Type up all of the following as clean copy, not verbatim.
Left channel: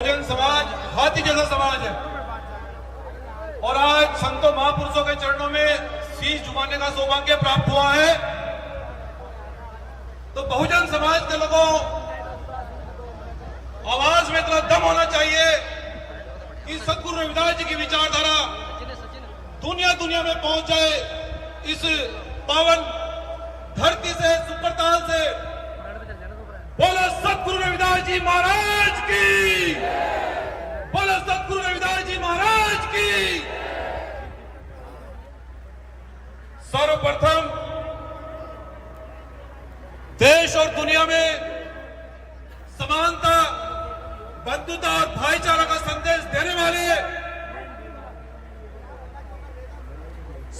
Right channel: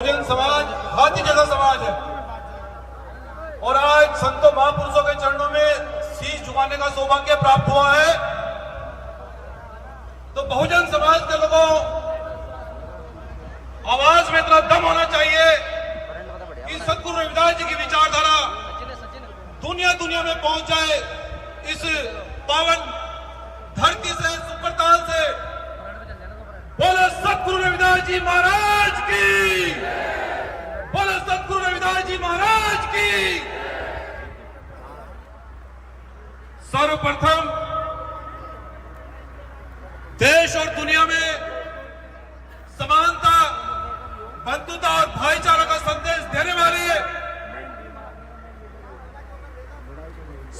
बहुजन समाज हाथी जैसा समाज है और आज संतों महापुरुषों के चरणों में शीश झुकाने का सौभाग्य प्राप्त हुआ है। तो बहुजन समाज के लोगों आवाज में इतना दम होना चाहिए कि सदगुरु रविदास जी की विचारधारा दुनिया दुनिया में पहुंच जाए। इस पावन धरती से सुप्रताल से बोलो सदगुरु रविदास जी महाराज की, बोलो सदगुरु रविदास जी महाराज की। सर्वप्रथम देश और दुनिया में समानता, बंधुता और भाईचारा का संदेश देने वाले,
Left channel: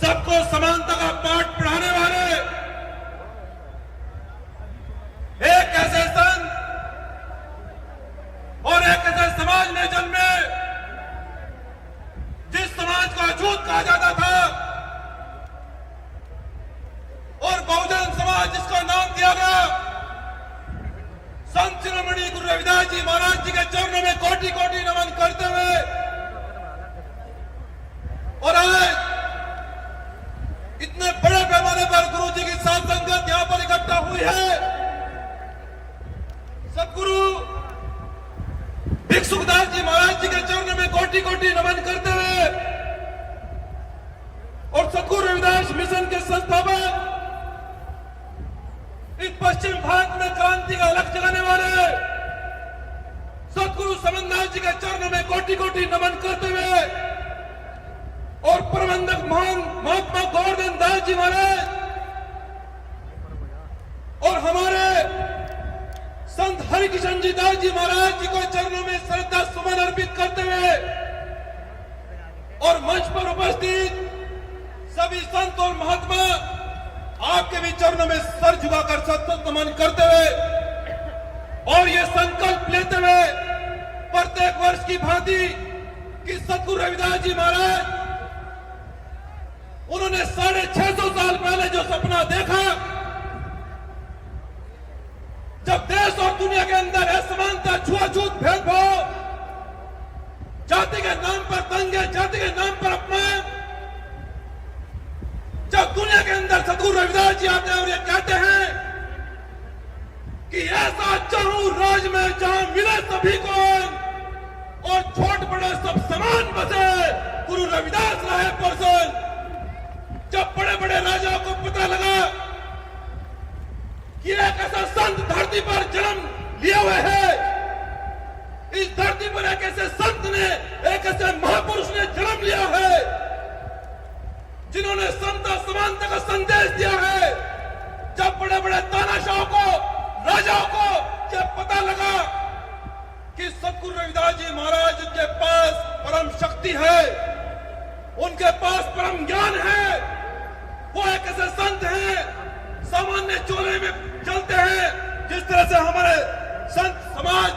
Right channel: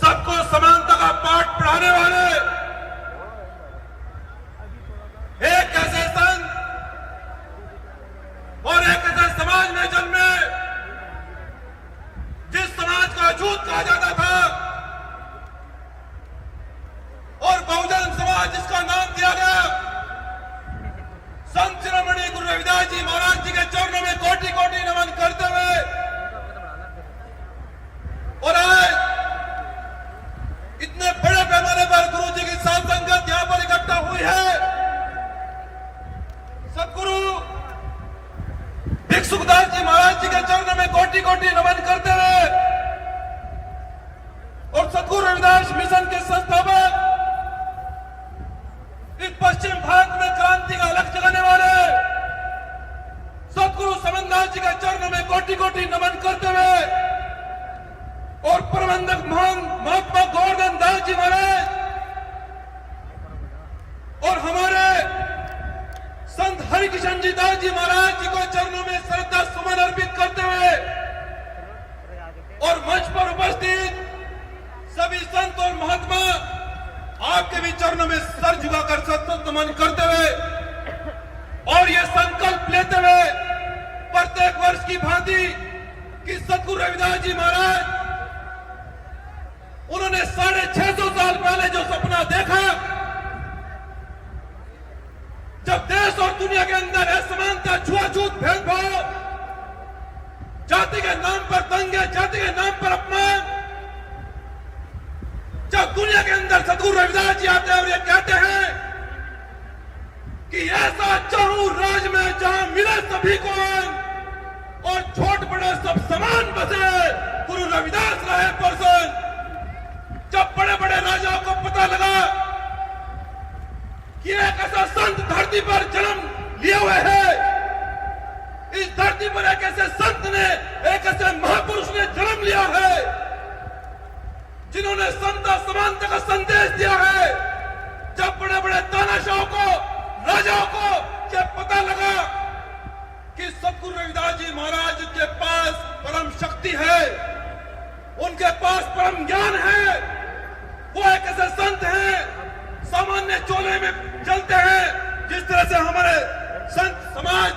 सबको समानता का पाठ पढ़ाने वाले एक ऐसे संत और एक ऐसे समाज में जन्मे जिस समाज को अछूत कहा जाता था और बहुजन समाज जिसका नाम दिया गया। संत शिरोमणि गुरु रविदास जी महाराज जी के चरणों में कोटि कोटि नमन करते हुए और आज इतने बड़े पैमाने पर गुरु जी की साथ संगत यहां पर इकट्ठा हुई है। सदगुरु भिक्षुकदास जी महाराज जी के चरणों में कोटि कोटि नमन करते हुए और सदगुरु रविदास मिशन के संस्थापक, इस पश्चिम भारत में क्रांति का अलग जगाने वाले सदगुरु समनदास जी के चरणों में कोटि कोटि नमन करते हुए और प्रबंधक महान महात्मा गोवर्धन दास जी महाराज और हमारे संत हरिकिशन जी दास जी महाराज जी को चरणों में श्रद्धा सुमन अर्पित करते हुए और मंच पर उपस्थित सभी संत और महात्मा आपके भी चरणों में सर झुकाकर सत्संग नमन करते हुए और ये संकल्प लेते हुए प्रत्येक वर्ष की भांति कि सदगुरु रविदास जी महाराज उन्होंने 650 साल पहले जो सपना देखा, जब देश और दुनिया के अंदर असमानता, छुआछूत, भेदभाव, जाति के नाम पर दंगे, जाति के नाम पर अपमान, जब दुनिया के अंदर सदगुरु रविदास जी आते हैं और ये कहते हैं कि ऐसा चाहूं राज में जहां मिले सभी को और छोट बड़ा सब समान बसे, गुरु रविदास रहे प्रसन्न। जब बड़े बड़े राजाओं को पता लगा कि एक ऐसा संत धरती पर जन्म लिए हुए है, इस धरती पर एक ऐसे संत ने, एक ऐसे महापुरुष ने जन्म लिया है जिन्होंने समता समानता का संदेश दिया है। जब बड़े बड़े तानाशाहों को, राजाओं को जब पता लगा कि सदगुरु रविदास जी महाराज के पास परम शक्ति है, उनके पास परम ज्ञान है, वो एक ऐसे संत हैं सामान्य चोले में चलते हैं, जिस तरह से हमारे संत समाज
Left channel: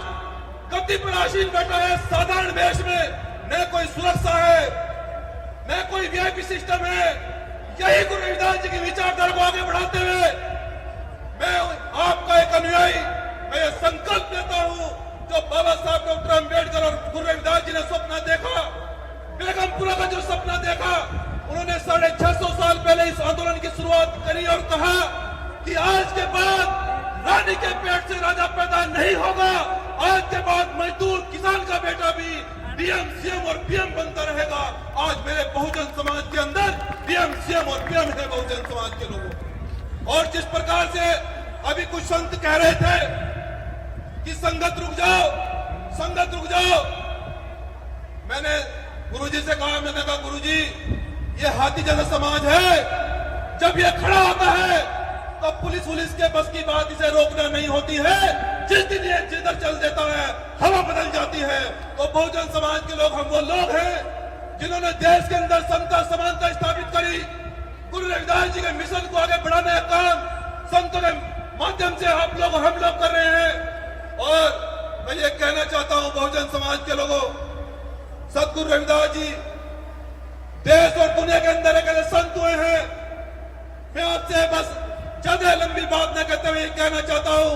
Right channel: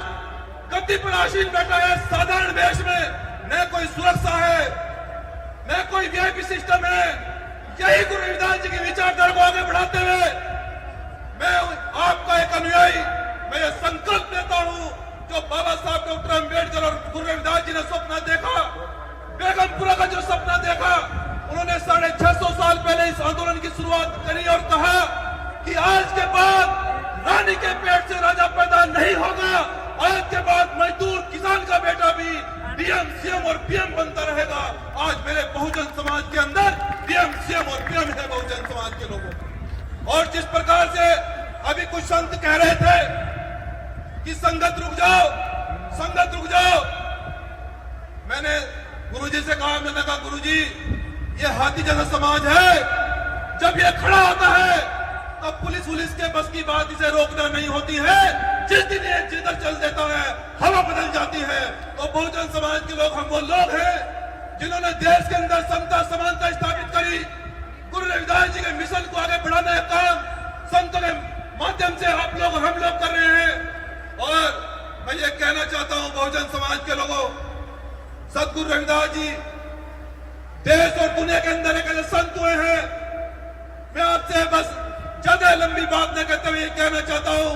गद्दी पर आसीन बैठा है साधारण वेश में, न कोई सुरक्षा है, न कोई वीआईपी सिस्टम है। यही गुरु रविदास जी की विचारधारा को आगे बढ़ाते हुए मैं आपका एक अनुयायी, मैं ये संकल्प लेता हूं जो बाबा साहब डॉक्टर अम्बेडकर और गुरु रविदास जी ने सपना देखा, बेगमपुरा का जो सपना देखा, उन्होंने 650 साल पहले इस आंदोलन की शुरुआत करी और कहा कि आज के बाद रानी के पेट से राजा पैदा नहीं होगा, आज के बाद मजदूर किसान का बेटा भी डीएम, सीएम और पीएम बनता रहेगा। आज मेरे बहुजन समाज के अंदर डीएम, सीएम और पीएम है बहुजन समाज के लोगों। और जिस प्रकार से अभी कुछ संत कह रहे थे कि संगत रुक जाओ, संगत रुक जाओ, मैंने गुरुजी से कहा, मैंने कहा गुरुजी ये हाथी जैसा समाज है, जब ये खड़ा होता है तो पुलिस के बस की बात इसे रोकना नहीं होती है। जिस दिन ये जिधर चल देता है हवा बदल जाती है। तो बहुजन समाज के लोग, हम वो लोग हैं जिन्होंने देश के अंदर समता समानता स्थापित करी, गुरु रविदास जी के मिशन को आगे बढ़ाने का काम संतों के माध्यम से आप लोग हम लोग कर रहे हैं। और मैं ये कहना चाहता हूं बहुजन समाज के लोगों, सदगुरु रविदास जी देश और दुनिया के अंदर एक ऐसे संत हुए हैं। मैं आपसे बस ज्यादा लंबी बात न कहते हुए कहना चाहता हूं,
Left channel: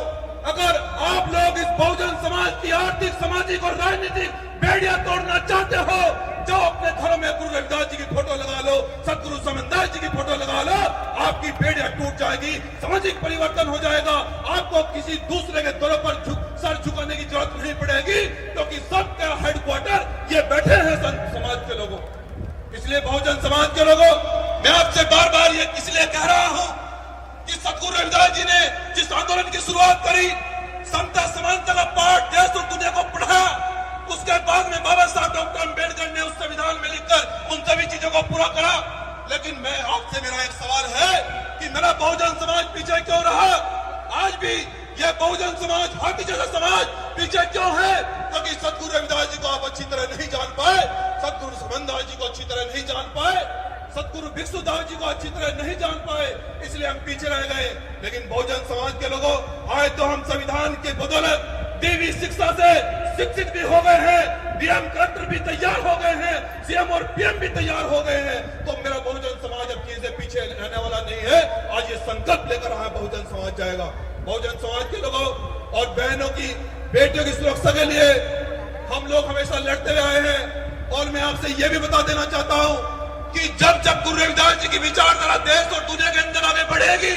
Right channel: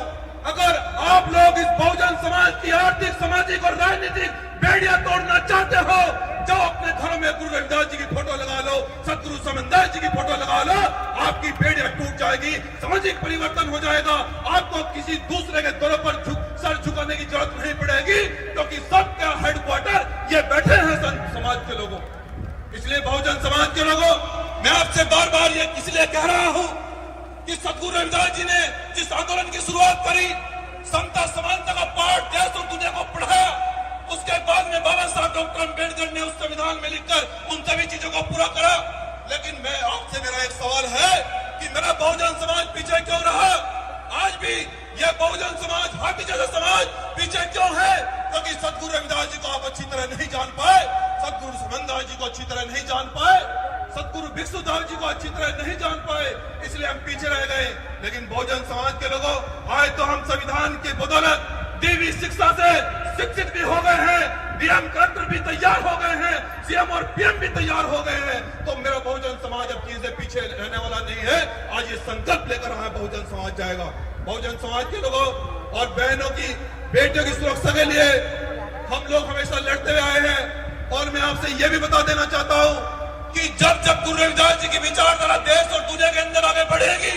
अगर आप लोग इस बहुजन समाज की आर्थिक, सामाजिक और राजनीतिक बेड़ियां तोड़ना चाहते हो, जाओ अपने घरों में गुरु रविदास जी की फोटो लगा लो, सतगुरु समनदास जी की फोटो लगा लो, आपकी बेड़ियां टूट जाएगी, सामाजिक परिवर्तन हो जाएगा। आपको किसी दूसरे के दलों पर सर झुकाने की जरूरत नहीं पड़ेगी, क्योंकि सबका हेडक्वार्टर ये बैठे हैं संत समाज के लोगों। इसलिए बहुजन समाज के लोगों, मैं आपसे बार बार ये इसलिए कह रहा हूं कि सतगुरु रविदास जी ने जिस आंदोलन की शुरुआत करी, समता समानता का पाठ देश और दुनिया को पढ़ा, उसके बाद में बाबा साहब डॉक्टर अम्बेडकर ने उस संविधान में लिखकर उन सभी चीजों को पूरा करा। लेकिन मैं आपसे, मेरा एक सवाल है कि मेरा बहुजन समाज पीछे क्यों रहा? आज भी यह बहुजन समाज, हाथी जैसा समाज पीछे क्यों है? क्योंकि सतगुरु रविदास जी को आप अच्छी तरह नहीं जान पाए, सतगुरु समनदास जी को अच्छी तरह नहीं जान पाए, सतगुरु भिक्षुदास जी को अच्छी तरह नहीं जान पाए, इसलिए हम पीछे रह गए। लेकिन बहुजन समाज के लोगों, आज तो हम संविधान की बदौलत देवी शिक्षा से शिक्षित भी हो गए हैं, डीएम कलेक्टर भी तैयार हो गए हैं, सीएम और पीएम भी तैयार हो गए हैं। तो मेरा बहुजन समाज अब चीजें पीछे रहने वाला नहीं है। आज ये संकल्प लेकर रहा है, बहुजन समाज जाएगा। बहुजन समाज के लोगों और बहनों की, बेटियों की सुरक्षा के लिए हम लोग हमेशा लड़ते हुए आए हैं। और मैं आपसे ये भी बता देना चाहता हूं कि जब जब गुरु रविदास जी की विचारधारा देश और दुनिया के अंदर आगे बढ़ेगी,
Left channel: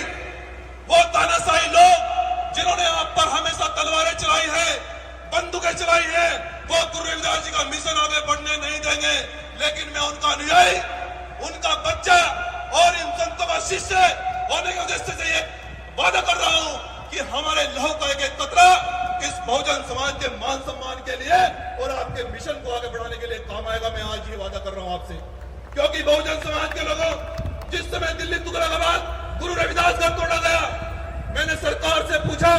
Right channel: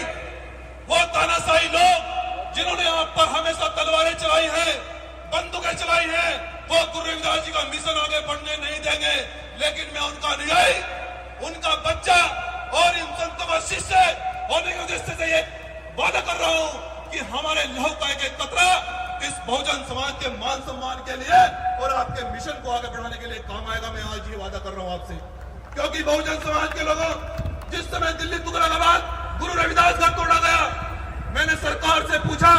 वो तानाशाही लोग जिन्होंने आप पर हमेशा तलवारें चलाई है, बंदूकें चलाई है, वो गुरु रविदास जी का मिशन आगे बढ़ने नहीं देंगे। लेकिन मैं उनका अनुयायी, उनका बच्चा और इन संतों का शिष्य होने के उद्देश्य से ये वादा कर रहा हूं कि हमारे लौह का एक कतरा इस बहुजन समाज के मान सम्मान के लिए और आपके मिशन को आगे बढ़ाने के लिए काम आएगा। मैं आज ये वादा कर रहा हूं आपसे, क्योंकि बहुजन समाज के लोगों, जिस समय दिल्ली तुगलकाबाद गुरु रविदास घर तोड़ा गया, मैंने सरकार से पूछा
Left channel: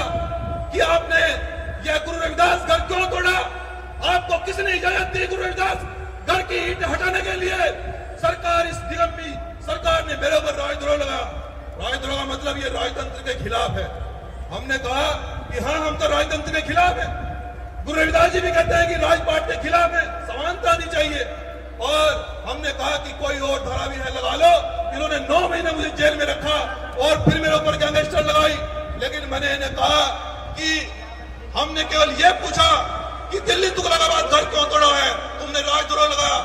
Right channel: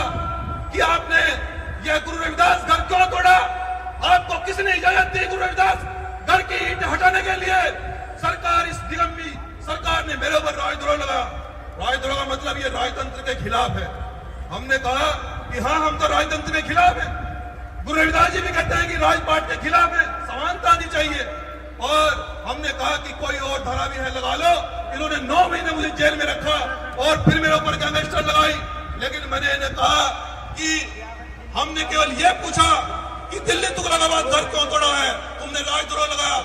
कि आपने यह गुरु रविदास घर क्यों तोड़ा? आपको किसने इजाजत दी गुरु रविदास घर की ईंट हटाने के लिए? सरकार, इस दिगंबी सरकार ने मेरे ऊपर राजद्रोह लगाया। राजद्रोह का मतलब ये राजतंत्र के खिलाफ है। हमने कहा कि हाँ, हम तो राजतंत्र के खिलाफ है। गुरु रविदास जी भी कहते हैं कि राजपाट के खिलाफ है, समानता आनी चाहिए। और हमने कहा कि कोई और धारा भी है, लगा लो। इन्होंने 9 महीने मुझे जेल में रखा और फिर मेरे ऊपर गैंगस्टर लगाई। लेकिन मैंने इन्हें कहा कि हमने केवल ये पूछा कि दिल्ली तुगलकाबाद घर क्यों तोड़ा है? तुमने राजद्रोह लगाया।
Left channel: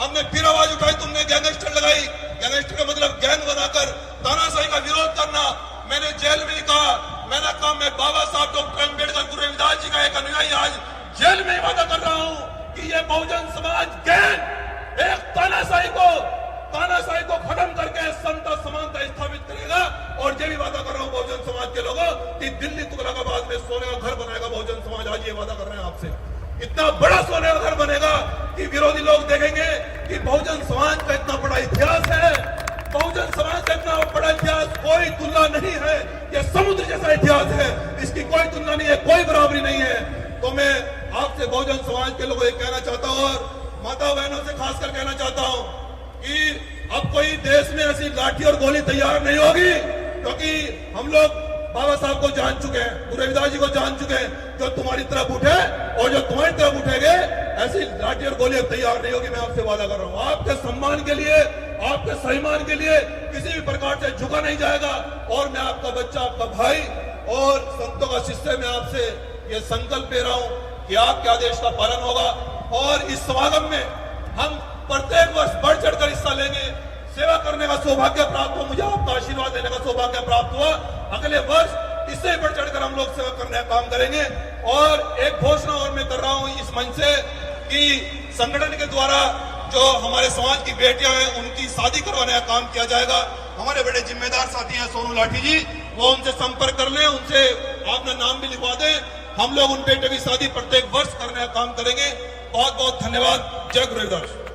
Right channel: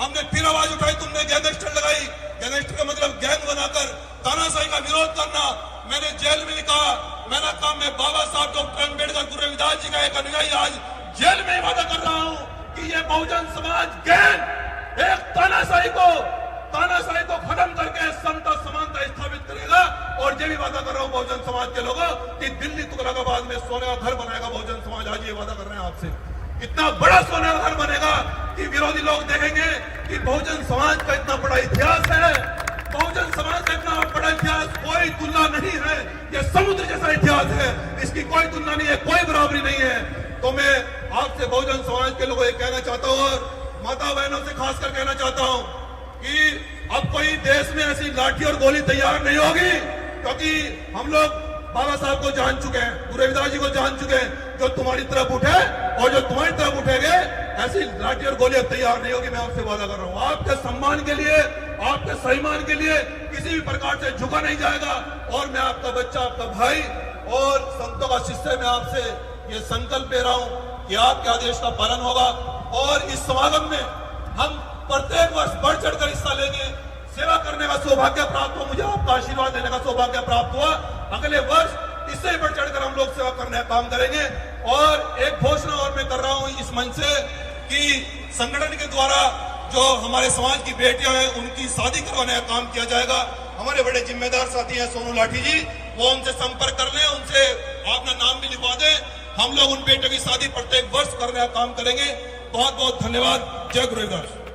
हमने फिर आवाज उठाई, तुमने गैंगस्टर लगाई। गैंगस्टर का मतलब गैंग बनाकर तानाशाही का विरोध करना। मैंने जेल में कहा, मैंने कहा मैं बाबा साहब डॉक्टर अम्बेडकर गुरु रविदास जी का एक अनुयायी आज जेल में वादा कर रहा हूं कि ये बहुजन समाज गैंग एक तानाशाही को खत्म करके समता समानता स्थापित करेगा। और ये भी वादा कर रहा हूं बहुजन समाज के लोगों कि दिल्ली तुगलकाबाद में सोने का घर बनाएगा बहुजन समाज। आज ये वादा कर रहे हैं आपसे, इतना बड़ा सोने का घर बनेगा कि विरोधी लोग देखेंगे कि बहुजन समाज का इतना बड़ा इतिहास है। बहुजन समाज का इतना बड़ा इतिहास कोई तुलना नहीं है। ये समुद्र जैसा इतिहास है, इसकी कोई तुलना नहीं है, कोई बराबरी नहीं है। तो मैं आपसे बहुजन समाज के लोगों को कहना चाहता हूं और माता बहनों से खासकर कहना चाहता हूं कि अब कोई देश में ऐसी लाठी और गोली तैयार नहीं होगी, क्योंकि हम लोग बाबा साहब को जान चुके हैं, गुरु रविदास जी को जान चुके हैं। जो तुम्हारी तरफ उठे और जो तुम्हारी तरफ उठेंगे, ऐसी लाठी और गोली तैयार नहीं होगी। मैं आपसे वादा कर रहा हूं, आपके सम्मान के लिए, आपके सम्मान के लिए किसी भी प्रकार से झुका नहीं जाएगा। और मैं आपका बच्चा, आपका भाई और संतों का शिष्य, मैं आपसे ये संकल्प ले रहा हूं कि आपके आदेश का पालन होगा। और इस समागम में हम प्रत्येक वर्ष बढ़ चढ़कर हिस्सा लेंगे। सेवा करने का सौभाग्य प्राप्त हुआ, मुझे आपका आशीर्वाद देने का सौभाग्य प्राप्त हुआ। अगले वर्ष इससे बढ़ चढ़कर हम लोग सेवा करने का काम करेंगे। और एक घोषणा और मैं कर रहा हूं इस मंच से कि संगठन के द्वारा जो हमारे समाज की बेटियां हैं, उनकी शादी करवाने का काम किया जाएगा। हमारे बड़े जिम्मेदार साथी हैं सोनू लाठी जी, वो उनसे संपर्क कर लें, उनसे अपना नाम भी लिखवा दें। हम लोग उन बेटियों की शादी प्रत्येक वर्ष करने का काम करेंगे। बहुत बहुत धन्यवाद। जय गुरु रविदास।